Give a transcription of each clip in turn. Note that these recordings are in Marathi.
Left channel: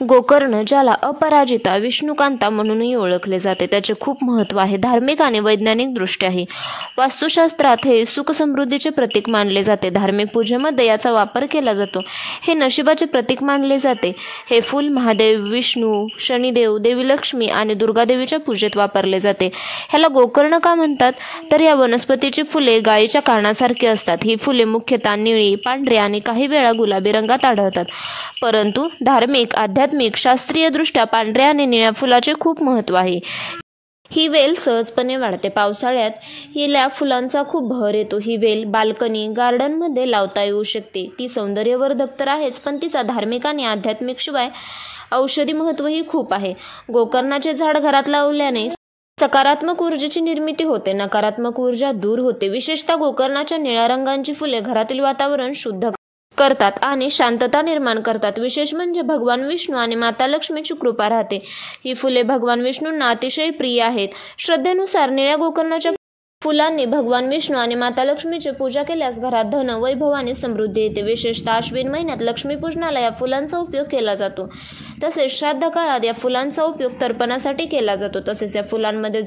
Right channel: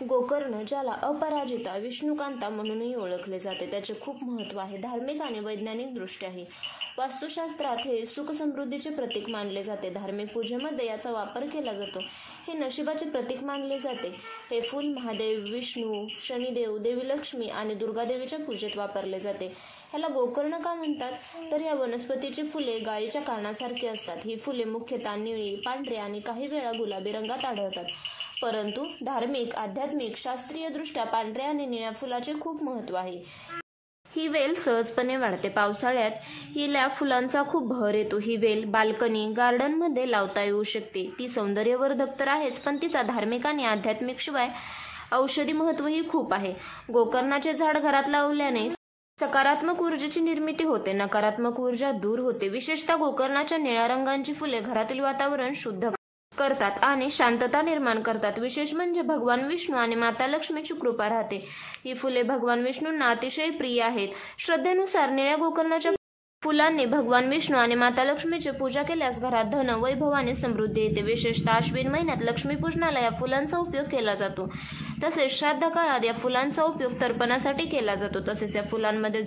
गोकर्ण, ज्याला अपराजिता विष्णुकांता म्हणूनही ओळखले जाते, त्याचे खूप महत्त्व आहे धार्मिक आणि वैज्ञानिक दृष्ट्याही. वास्तुशास्त्रात हे सुख-समृद्धीचे प्रतीक मानले जाते. धार्मिक पूजेमध्ये याचा वापर केला जातो. हे नशिबाचे प्रतीक मानले जाते. हे फूल महादेव, विष्णू, शनिदेव, देवी लक्ष्मी आणि दुर्गादेवीच्या पूजेत वापरले जाते. ह्याला गोकर्ण का म्हणतात? तर या वनस्पतीची फुले गायीच्या कानासारखी असतात. ही फुले मुख्यतः निळी, पांढरी आणि काही वेळा गुलाबी रंगात आढळतात. परंतु धार्मिक, आध्यात्मिक, शास्त्रीयदृष्ट्या पांढऱ्या आणि निळ्या फुलाचे खूप महत्त्व आहे. ही वेल सहजपणे वाढते. पावसाळ्यात हिला फुलांचा खूप बहर येतो. ही वेल बाल्कनी, गार्डनमध्ये लावता येऊ शकते. ती सौंदर्यवर्धक तर आहेच, पण तिचा धार्मिक आणि आध्यात्मिक शिवाय औषधी महत्त्वही खूप आहे. गोकर्णाचे झाड घरात लावल्याने सकारात्मक ऊर्जेची निर्मिती होते, नकारात्मक ऊर्जा दूर होते. विशेषतः गोकर्णाच्या निळ्या रंगाची फुले घरातील वातावरण शुद्ध करतात आणि शांतता निर्माण करतात. विशेष म्हणजे भगवान विष्णू आणि माता लक्ष्मीची कृपा राहते. ही फुले भगवान विष्णूंना अतिशय प्रिय आहेत. श्रद्धेनुसार निळ्या गोकर्णाच्या फुलांनी भगवान विष्णू आणि माता लक्ष्मीची पूजा केल्यास घरात धन, वैभव आणि समृद्धी येते. विशेषतः आश्विन महिन्यात लक्ष्मीपूजनाला या फुलांचा उपयोग केला जातो. तसेच श्राद्ध काळात या फुलांचा उपयोग तर्पणासाठी केला जातो. तसेच या फुलांमध्ये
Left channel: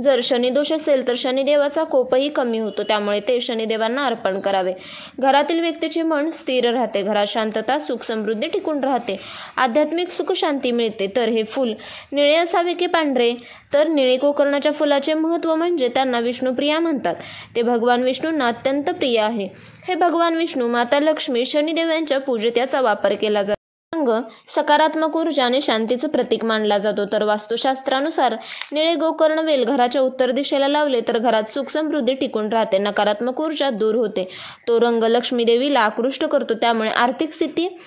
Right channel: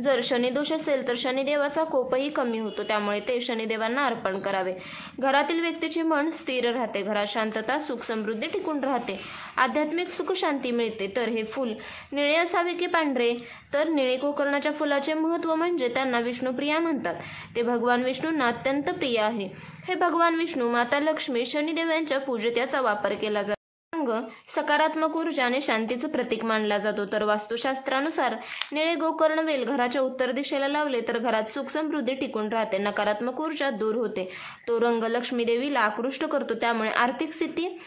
जर शनिदोष असेल तर शनिदेवाचा कोपही कमी होतो, त्यामुळे ते शनिदेवांना अर्पण करावे. घरातील व्यक्तीचे मन स्थिर राहते. घरात शांतता, सुख, समृद्धी टिकून राहते. आध्यात्मिक सुख, शांती मिळते. तर हे फूल निळे असावे की पांढरे? तर निळे गोकर्णाच्या फुलाचे महत्त्व म्हणजे त्यांना विष्णुप्रिया म्हणतात. ते भगवान विष्णूंना अत्यंत प्रिय आहे. हे भगवान विष्णू, माता लक्ष्मी, शनिदेव यांच्या पूजेत याचा वापर केला जातो. रंग सकारात्मक ऊर्जा आणि शांतीचं प्रतीक मानला जातो. तर वास्तुशास्त्रानुसार निळे गोकर्ण वेल घराच्या उत्तर दिशेला लावले तर घरात सुख, समृद्धी टिकून राहते, नकारात्मक ऊर्जा दूर होते. तो रंग लक्ष्मी देवीला आकृष्ट करतो, त्यामुळे आर्थिक स्थिती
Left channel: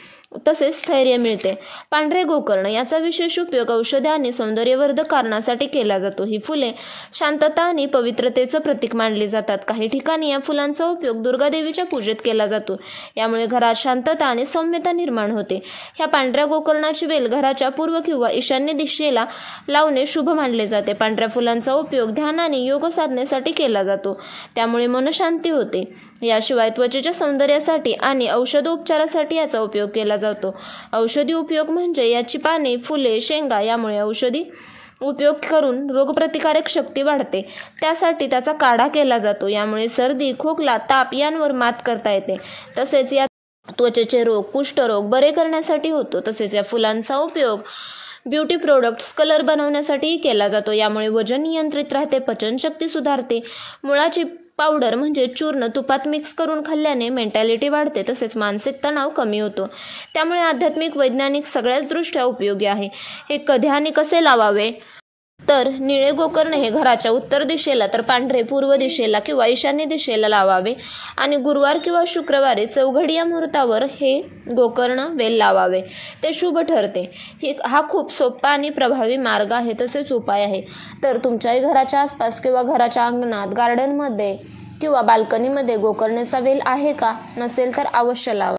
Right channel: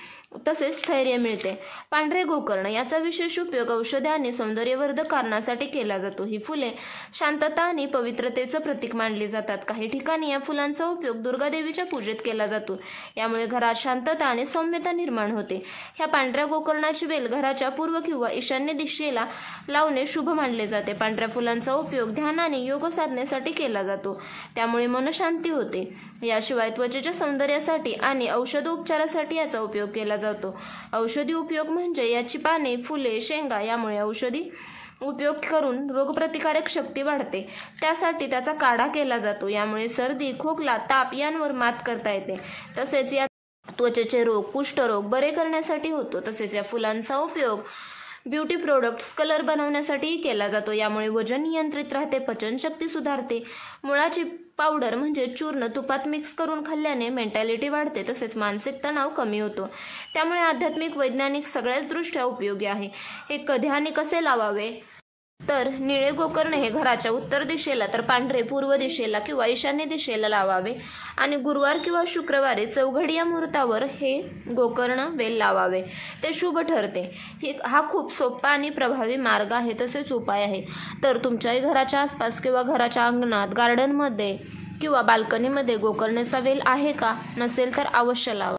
तसेच स्थैर्य मिळते. पांढरे गोकर्ण याचा विशेष उपयोग औषधी आणि सौंदर्यवर्धक कारणासाठी केला जातो. ही फुले शांतता आणि पवित्रतेचं प्रतीक मानली जातात. काही ठिकाणी या फुलांचा उपयोग दुर्गादेवीच्या पूजेत केला जातो. यामुळे घरात शांतता आणि सौम्यता निर्माण होते. ह्या पांढऱ्या गोकर्णाची वेल घराच्या पूर्व किंवा ईशान्य दिशेला लावणे शुभ मानले जाते. पांढऱ्या फुलांचा उपयोग ध्यान आणि योग साधनेसाठी केला जातो, त्यामुळे मनशांती होते. याशिवाय त्वचेच्या सौंदर्यासाठी आणि औषधोपचारासाठी याचा उपयोग केला जातो. औषधी उपयोग म्हणजे याची पाने, फुले, शेंगा यामुळे औषधी उपयोग करून रोगप्रतिकारक शक्ती वाढते. त्यासाठी त्याचा काढा केला जातो. यामुळे सर्दी, खोकला, ताप यांवर मात करता येते. तसेच या त्वचेचे रोग, कुष्ठरोग बरे करण्यासाठी होतो. तसेच या फुलांचा उपयोग ब्युटी प्रोडक्ट्स, कलर बनवण्यासाठीही केला जातो. यामुळे वजन नियंत्रित राहते, पचनशक्ती सुधारते. मुळाची पावडर म्हणजे चूर्ण तुपात मिक्स करून खाल्ल्याने मेंटॅलिटी वाढते, तसेच मानसिक तणाव कमी होतो. त्यामुळे आध्यात्मिक, वैज्ञानिक सगळ्याच दृष्ट्या उपयोगी आहे. हे कधी आणि कसे लावावे? तर निळे गोकर्ण हे घराच्या उत्तर दिशेला, तर पांढरे पूर्व दिशेला किंवा ईशान्य दिशेला लावावे आणि गुरुवार किंवा शुक्रवारी चौघडी या मुहूर्तावर हे गोकर्ण वेल लावावे. ते शुभ ठरते. हा खूप सोपा आणि प्रभावी मार्ग आहे, तसेच उपाय आहे. तर तुमच्याही घराच्या आसपास किंवा घराच्या अंगणात, गार्डनमध्ये किंवा बाल्कनीमध्ये गोकर्णाचा वेल आहे का? नसेल तर अवश्य लावा.